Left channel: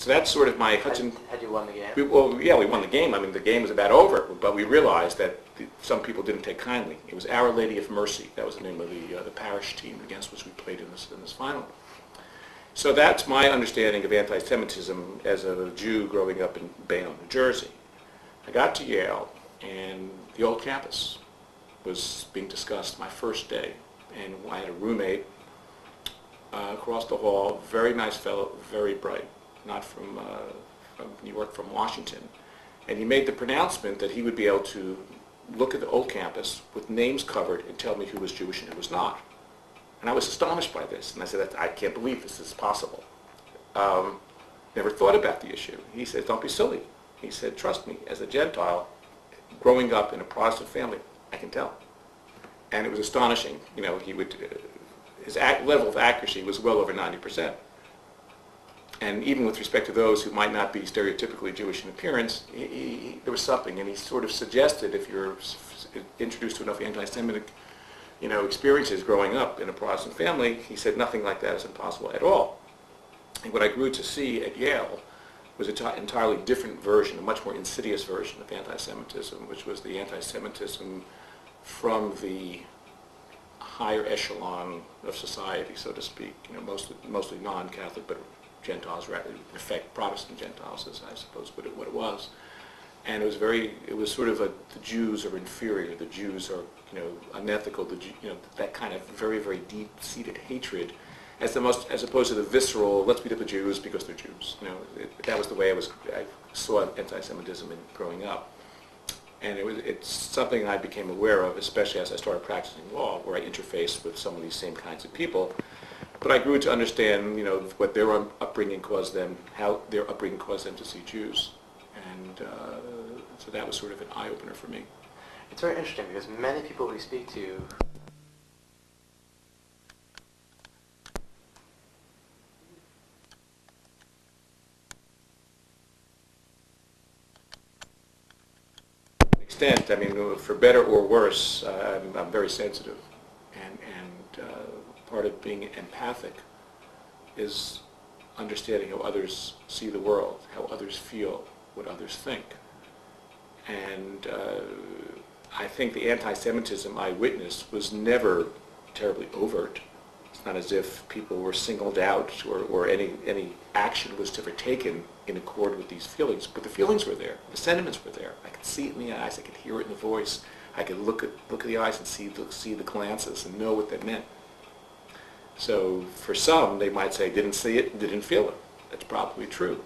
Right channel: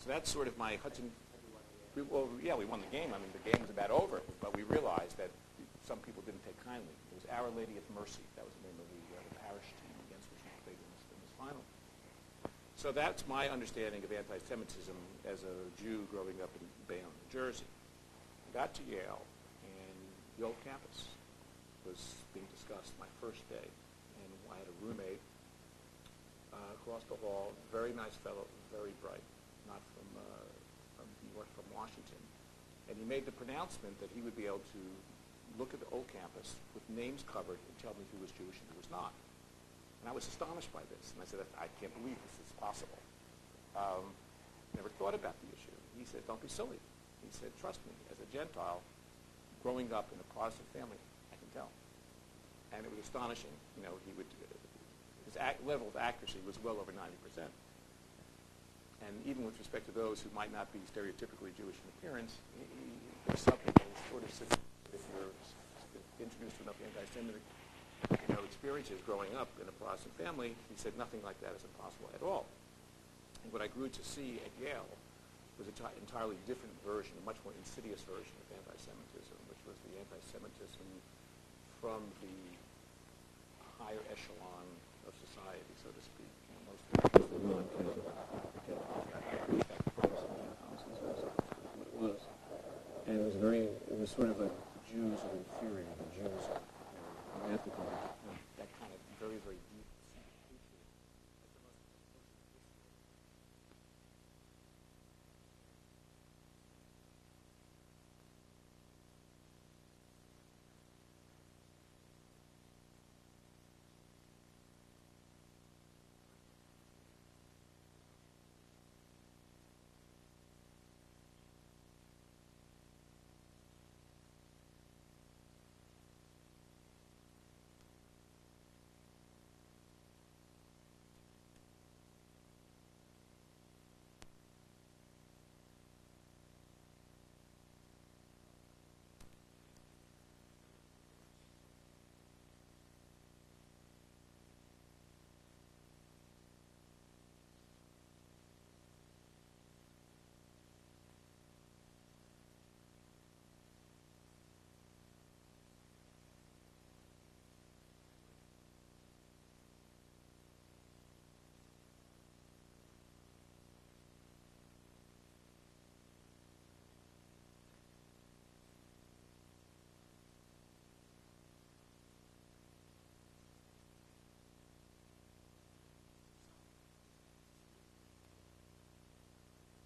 So that's sort of my Hudson. Had you won the game? We won the game. I mean, the game was about over, but we realized that some people didn't take kindly. It was Our Lady of Mercy. That was the name of the parish team against which we played in this final. So that's my understanding of anti-Semitism as a Jew growing up in Bayonne, New Jersey. I got to Yale, and the old campus was being discussed my first day, and I had a roommate across the hall, very nice fellow, very bright, not from New York, from Washington. And he made the pronouncement that he would be able to look at the old campus with names covered and tell me who was Jewish and who was not. And I was astonished by this, and I said, I can't believe this is possible. Never thought about the issue. He said, don't be silly. He said, trust me, as a Gentile, growing up in a Protestant family, I can tell. And it was astonishing. You know, his level of accuracy was well over 90%. And even with respect to those who might not be stereotypically Jewish in appearance, there was something, and he sort of suggested if you're introduced to enough anti-Semitic, experiences growing up in a Protestant family, he said nothing like that is impossible at all. And what I grew to see at Yale was an entirely different version, a much more insidious version of anti-Semitism, which was the anti-Semitism from the higher echelon of society, so to speak, mostly non-Catholic, but Gentiles, rather, in effect, Protestant Gentiles, is I suppose what it was. And it was sort of the Jews are inferior, the Jews are, unethical, that kind of very, very deep-seated hatred, as opposed to the visceral, let's beat up the Jews because they're Jews. That was the way I saw anti-Semitism growing up. And it's something I became aware of, especially as I started practicing law, where I interfaced with some of these same kinds of people. But I grew to understand, what their upbringing caused them, how their upbringing caused them to see Jews. And so that was sort of an eye-opener for me. It's very interesting because many people we speak to extent, for better or worse, I'm very sensitive, and part of being empathic is understanding how others see the world, how others feel, what others think. And I think the anti-Semitism I witnessed was never terribly overt. It's not as if people were singled out or any action was ever taken in accord with these feelings, but the feelings were there, the sentiments were there. I could see it in the eyes, I could hear it in the voice, I could look at the eyes and see the glances and know what that meant. So for some, they might say, didn't see it, didn't feel it. That's probably true.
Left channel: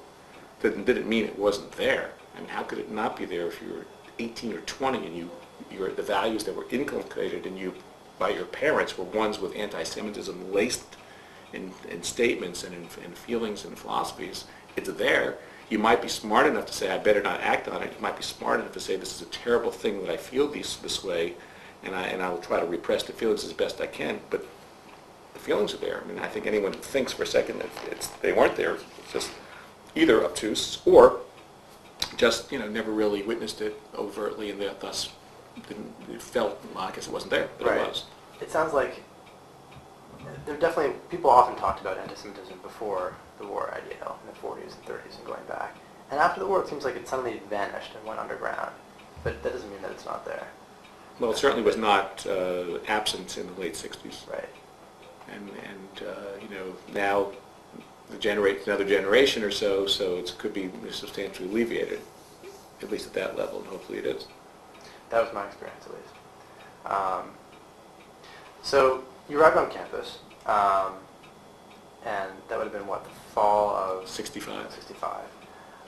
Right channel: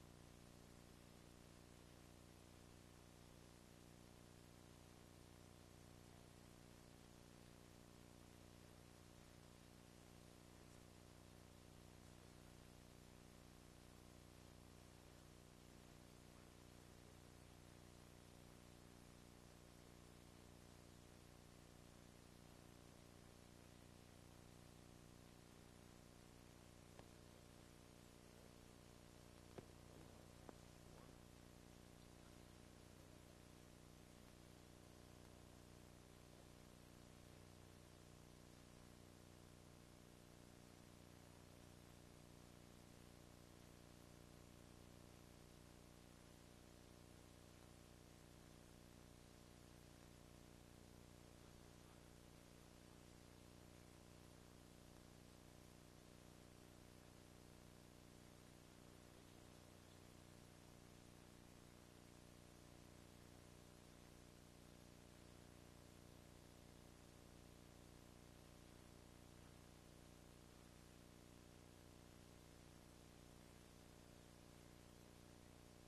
Didn't mean it wasn't there. How could it not be there if you were 18 or 20 and the values that were inculcated in you by your parents were ones with anti-Semitism laced in statements and in feelings and philosophies? It's there. You might be smart enough to say, I better not act on it. You might be smart enough to say, this is a terrible thing that I feel this way, and I will try to repress the feelings as best I can. But the feelings are there. I think anyone who thinks for a second that they weren't there, it's just either obtuse or just never really witnessed it overtly, and thus it felt, well, I guess it wasn't there, but right. It was. It sounds like there definitely, people often talked about anti-Semitism before the war at Yale in the 40s and 30s and going back. And after the war, it seems like it suddenly vanished and went underground. But that doesn't mean that it's not there. Well, it certainly was not absent in the late 60s. Right. And now another generation or so it could be substantially alleviated, at least at that level, and hopefully it is. That was my experience, at least. So you arrived on campus, and that would have been, what, the fall of... 65.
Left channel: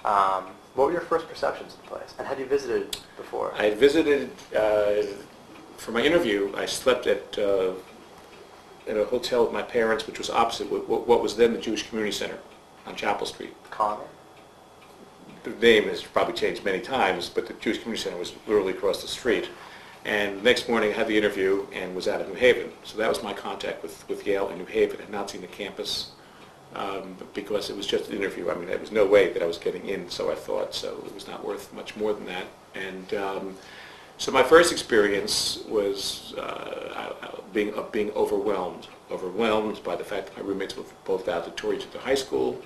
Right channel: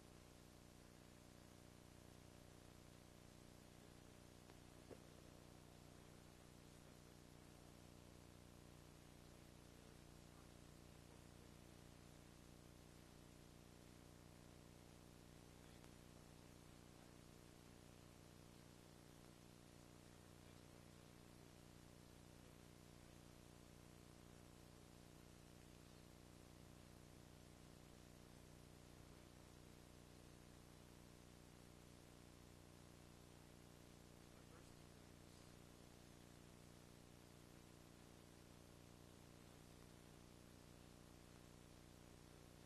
What were your first perceptions of the place? And had you visited before? I had visited, for my interview, I slept at a hotel with my parents, which was opposite what was then the Jewish Community Center on Chapel Street. Colony? The name has probably changed many times, but the Jewish Community Center was literally across the street. And the next morning I had the interview and was out of New Haven. So that was my contact with Yale and New Haven. I had not seen the campus because it was just an interview. There was no way that I was getting in, so I thought. So it was not worth much more than that. And so my first experience was being overwhelmed by the fact that my roommates were both valedictorians at the high school,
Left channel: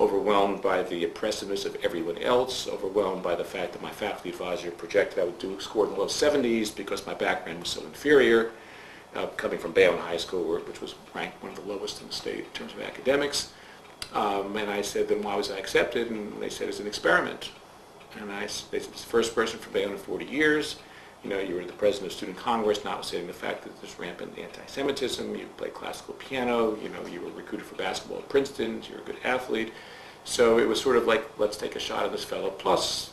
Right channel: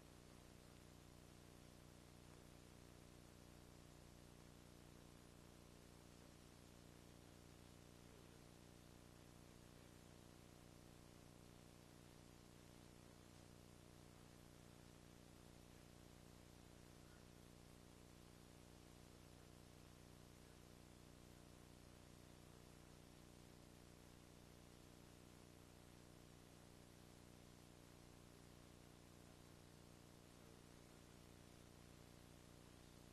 overwhelmed by the oppressiveness of everyone else, overwhelmed by the fact that my faculty advisor projected I would score in the low 70s because my background was so inferior, coming from Bayonne High School, which was ranked one of the lowest in the state in terms of academics. And I said, then why was I accepted? And they said, it's an experiment. And they said, it's the first person from Bayonne in 40 years. You know, you were the president of Student Congress, notwithstanding the fact that there's rampant anti-Semitism. You played classical piano. You know, you were recruited for basketball at Princeton. You're a good athlete. So it was sort of like, let's take a shot at this fellow. Plus,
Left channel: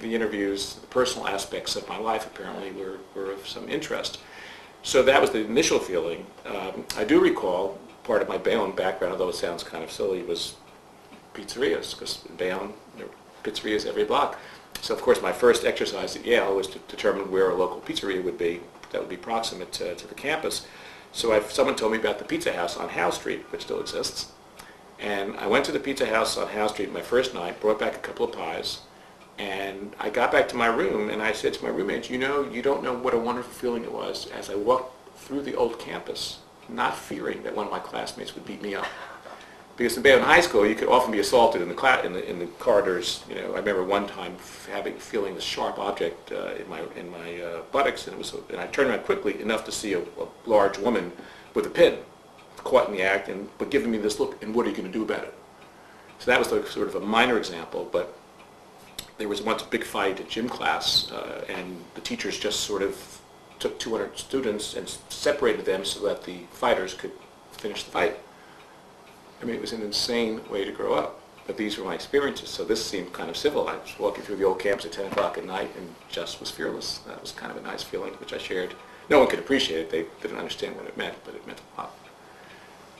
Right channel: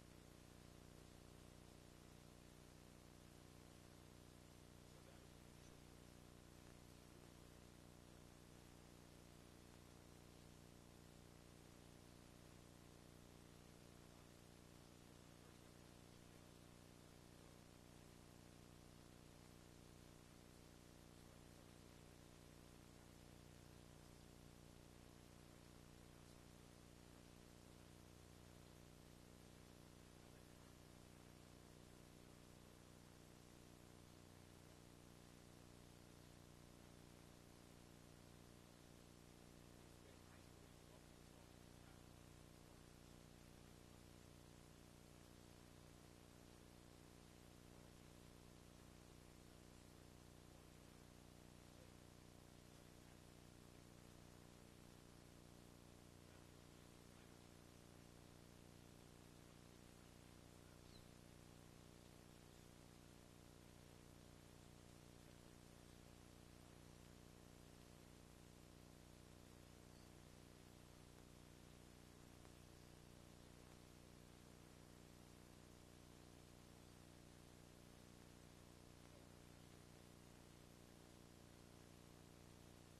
the interviews, the personal aspects of my life apparently were of some interest. So that was the initial feeling. I do recall part of my Bayonne background, although it sounds kind of silly, was pizzerias, because in Bayonne, there were pizzerias every block. So of course my first exercise at Yale was to determine where a local pizzeria would be that would be proximate to the campus. So someone told me about the Pizza House on Howe Street, which still exists. And I went to the Pizza House on Howe Street my first night, brought back a couple of pies, and I got back to my room and I said to my roommates, you know, you don't know what a wonderful feeling it was as I walked through the old campus, not fearing that one of my classmates would beat me up. Because in Bayonne High School, you could often be assaulted in the corridors. You know, I remember one time feeling this sharp object in my buttocks, and I turned around quickly enough to see a large woman with a pin caught in the act, but giving me this look, and what are you going to do about it? So that was like sort of a minor example, but there was once a big fight in gym class, and the teachers just sort of took 200 students and separated them so that the fighters could finish the fight. I mean, it was an insane way to grow up, but these were my experiences, so this seemed kind of civil. I was walking through the old campus at 10 o'clock at night and just was fearless. That was kind of a nice feeling, which I shared. No one could appreciate it. They didn't understand what it meant, but it meant a lot.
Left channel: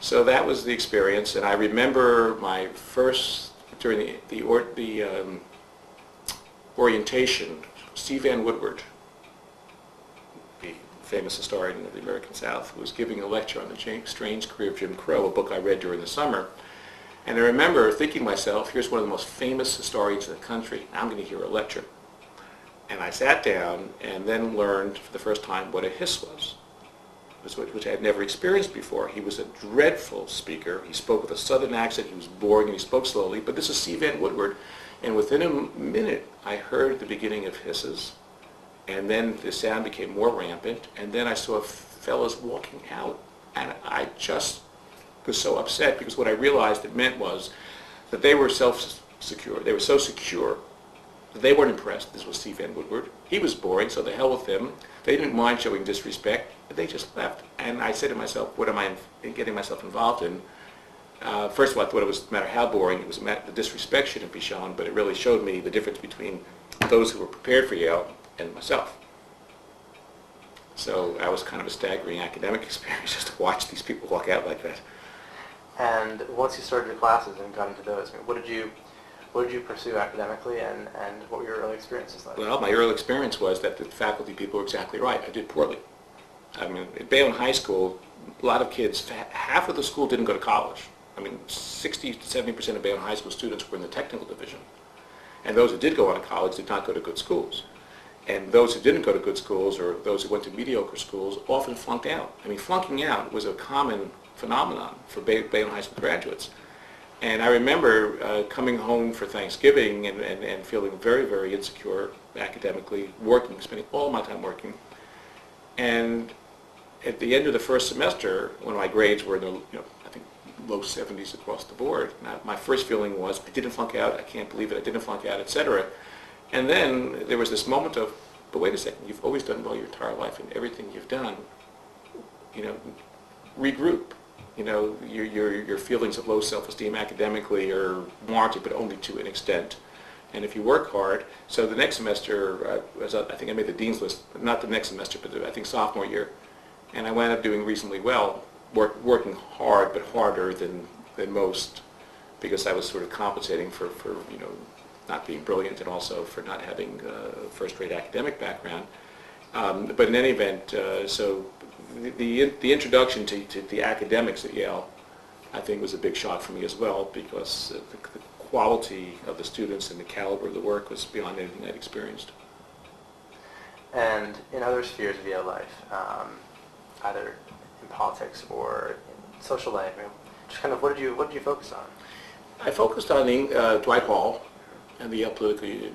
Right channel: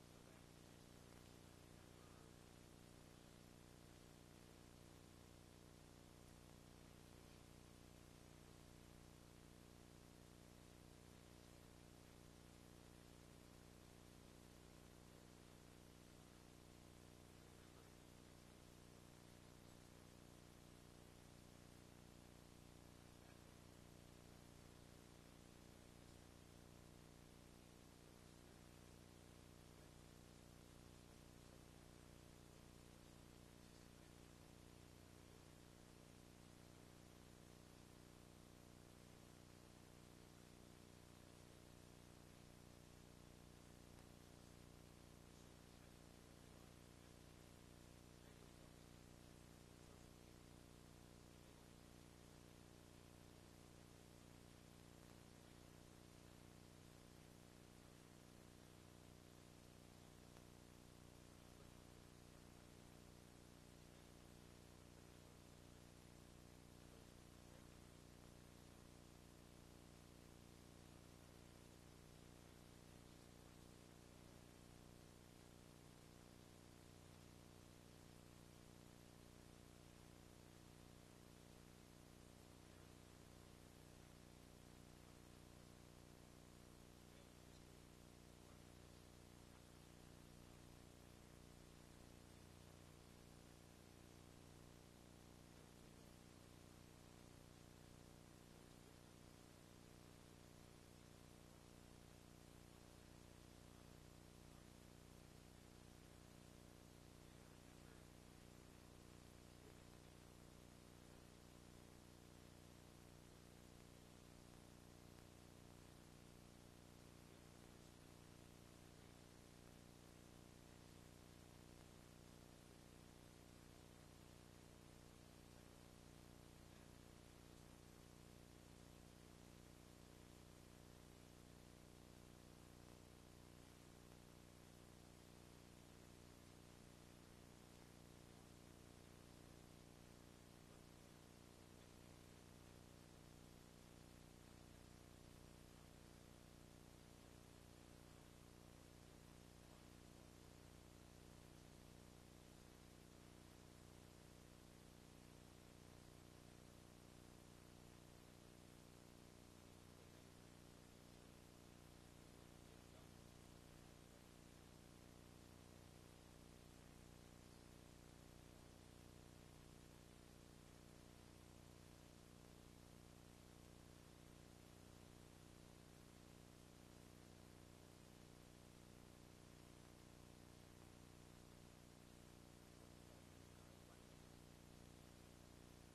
So that was the experience, and I remember my first, during the orientation, Steve Van Woodward, the famous historian of the American South, was giving a lecture on the strange career of Jim Crow, a book I read during the summer. And I remember thinking to myself, here's one of the most famous historians in the country. I'm going to hear a lecture. And I sat down and then learned for the first time what a hiss was, which I had never experienced before. He was a dreadful speaker. He spoke with a southern accent. He was boring and he spoke slowly. But this is Steve Van Woodward. And within a minute, I heard the beginning of hisses. And then the sound became more rampant. And then I saw fellows walking out. And I just was so upset because what I realized it meant was that they were self-secure. They were so secure that they weren't impressed. This was Steve Van Woodward. He was boring, so the hell with him. They didn't mind showing disrespect, but they just left. And I said to myself, what am I getting myself involved in? First of all, I thought it was no matter how boring, it was the disrespect shouldn't be shown, but it really showed me the difference between those who were prepared for Yale and myself. So that was kind of a staggering academic experience just to watch these people walk out like that. And once you started your classes and got into those, I mean, what did you pursue academically, and what were your early experiences like? Well, my early experience was that the faculty people were exactly right. I did poorly. I mean, at Bayonne High School, a lot of kids, half of the school didn't go to college. I mean, 60 to 70% of Bayonne High School students were in the technical division. And those who did go on to college did not go to good schools. And those who didn't go to good schools, or those who went to mediocre schools, often flunked out. I mean, flunking out was a common phenomenon for Bayonne High School graduates. And I remember coming home for Thanksgiving and feeling very, very insecure academically, spending all my time working. And at the end of the first semester, when my grades were in the, I think low 70s across the board, my first feeling was, I didn't flunk out, I can't believe it, I didn't flunk out, etc. And then there was this moment of, but wait a second, you've always done well your entire life, and everything you've done, regroup. Your feelings of low self-esteem academically are warranted, but only to an extent. And if you work hard, so the next semester, I think I made the dean's list, not the next semester, but I think sophomore year, and I wound up doing reasonably well, working hard, but harder than most, because I was sort of compensating for not being brilliant and also for not having a first-rate academic background. But in any event, so the introduction to the academics at Yale, I think, was a big shock for me as well, because the quality of the students and the caliber of the work was beyond anything I'd experienced. And in other spheres of Yale life, either in politics or in social life, just kind of what did you focus on? I focused on Dwight Hall and the Yale Political Union.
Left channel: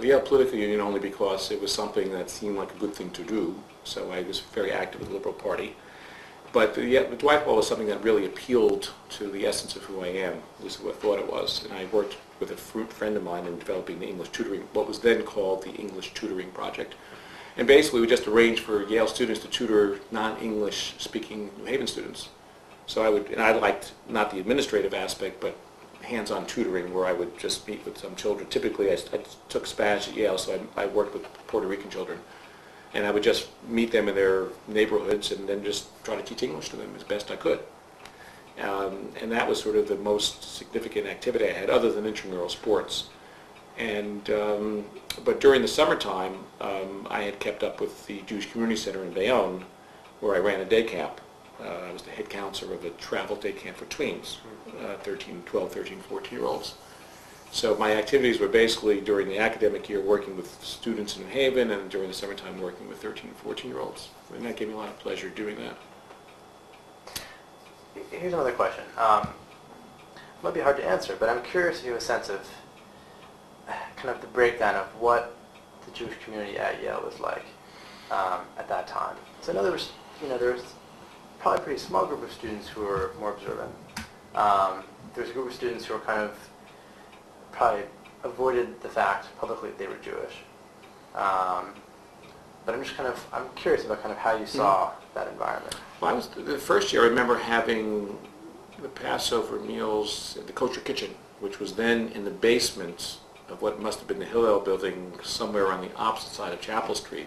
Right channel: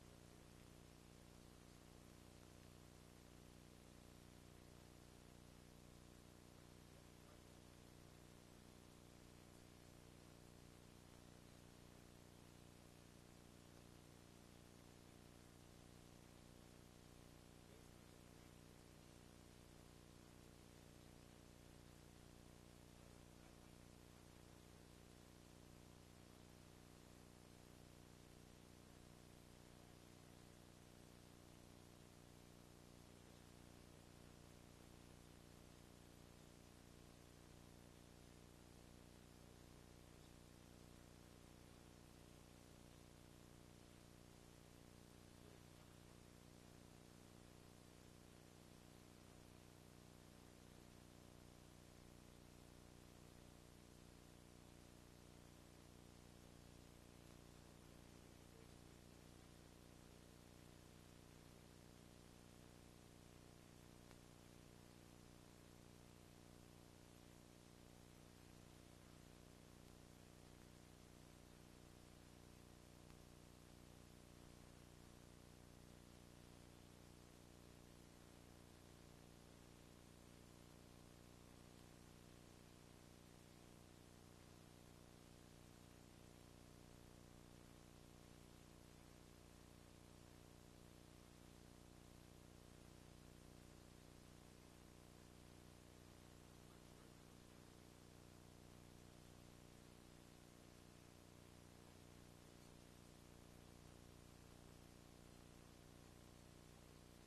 The Yale Political Union only because it was something that seemed like a good thing to do, so I was very active with the Liberal Party. But the Dwight Hall was something that really appealed to the essence of who I am, at least what I thought it was. And I worked with a friend of mine in developing the English tutoring, what was then called the English Tutoring Project. And basically we just arranged for Yale students to tutor non-English speaking New Haven students. So I liked not the administrative aspect, but hands-on tutoring where I would just meet with some children. Typically I took Spanish at Yale, so I worked with Puerto Rican children. And I would just meet them in their neighborhoods and then just try to teach English to them as best I could. And that was sort of the most significant activity I had, other than intramural sports. And but during the summertime, I had kept up with the Jewish Community Center in Bayonne, where I ran a day camp. I was the head counselor of a travel day camp for tweens, 12, 13, 14-year-olds. So my activities were basically during the academic year working with students in New Haven, and during the summertime working with 13 and 14-year-olds. And that gave me a lot of pleasure doing that. Here's another question. It might be hard to answer, but I'm curious if you have a sense of kind of the breakdown of what the Jewish community at Yale was like at that time. So I know there was probably a pretty small group of students who were more observant. There was a group of students who were kind of probably avoided the fact publicly that they were Jewish. But I'm curious about kind of how you saw that environment. Well, the first year I remember having the Passover meals at the Kosher Kitchen, which was then in the basement of what must have been the Hillel building somewhere on the opposite side of Chapel Street.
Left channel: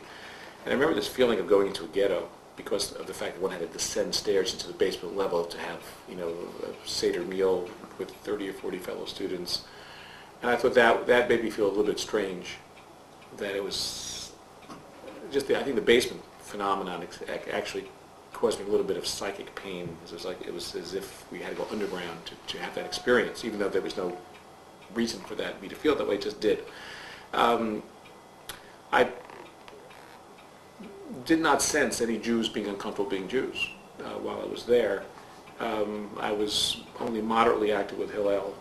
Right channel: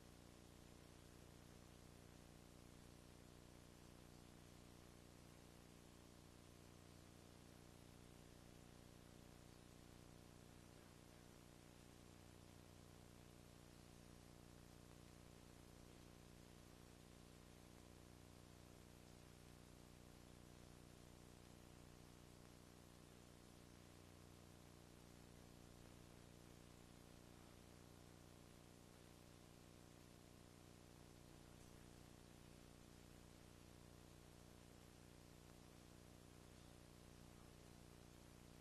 And I remember this feeling of going into a ghetto because of the fact that one had to descend stairs into the basement level to have, a Seder meal with 30 or 40 fellow students. And I thought that made me feel a little bit strange, that it was just I think the basement phenomenon actually caused me a little bit of psychic pain. It was as if we had to go underground to have that experience, even though there was no reason for me to feel that way. It just did. I did not sense any Jews being uncomfortable being Jews while I was there. I was only moderately active with Hillel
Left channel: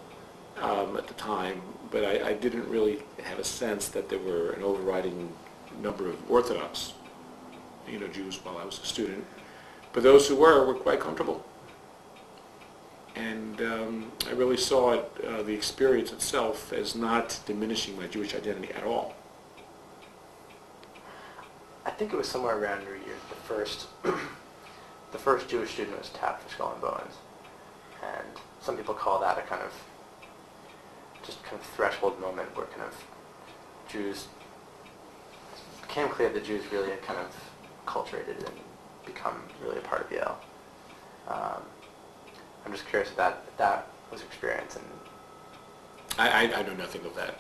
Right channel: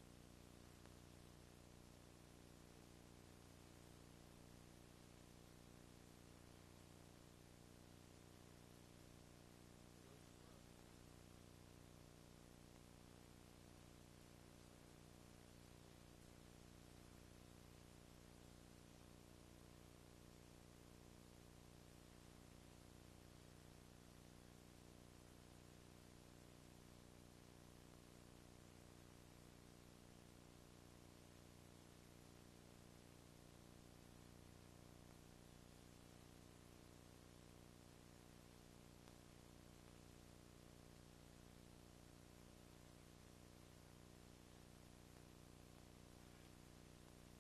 at the time, but I didn't really have a sense that there were an overriding number of Orthodox, Jews while I was a student. But those who were quite comfortable. And I really saw the experience itself as not diminishing my Jewish identity at all. I think it was somewhere around your year, the first Jewish student was tapped for Skull and Bones. And some people call that a kind of threshold moment where kind of Jews, it became clear that Jews really had kind of acculturated and become really a part of Yale. I'm just curious if that was your experience. And I know nothing of that.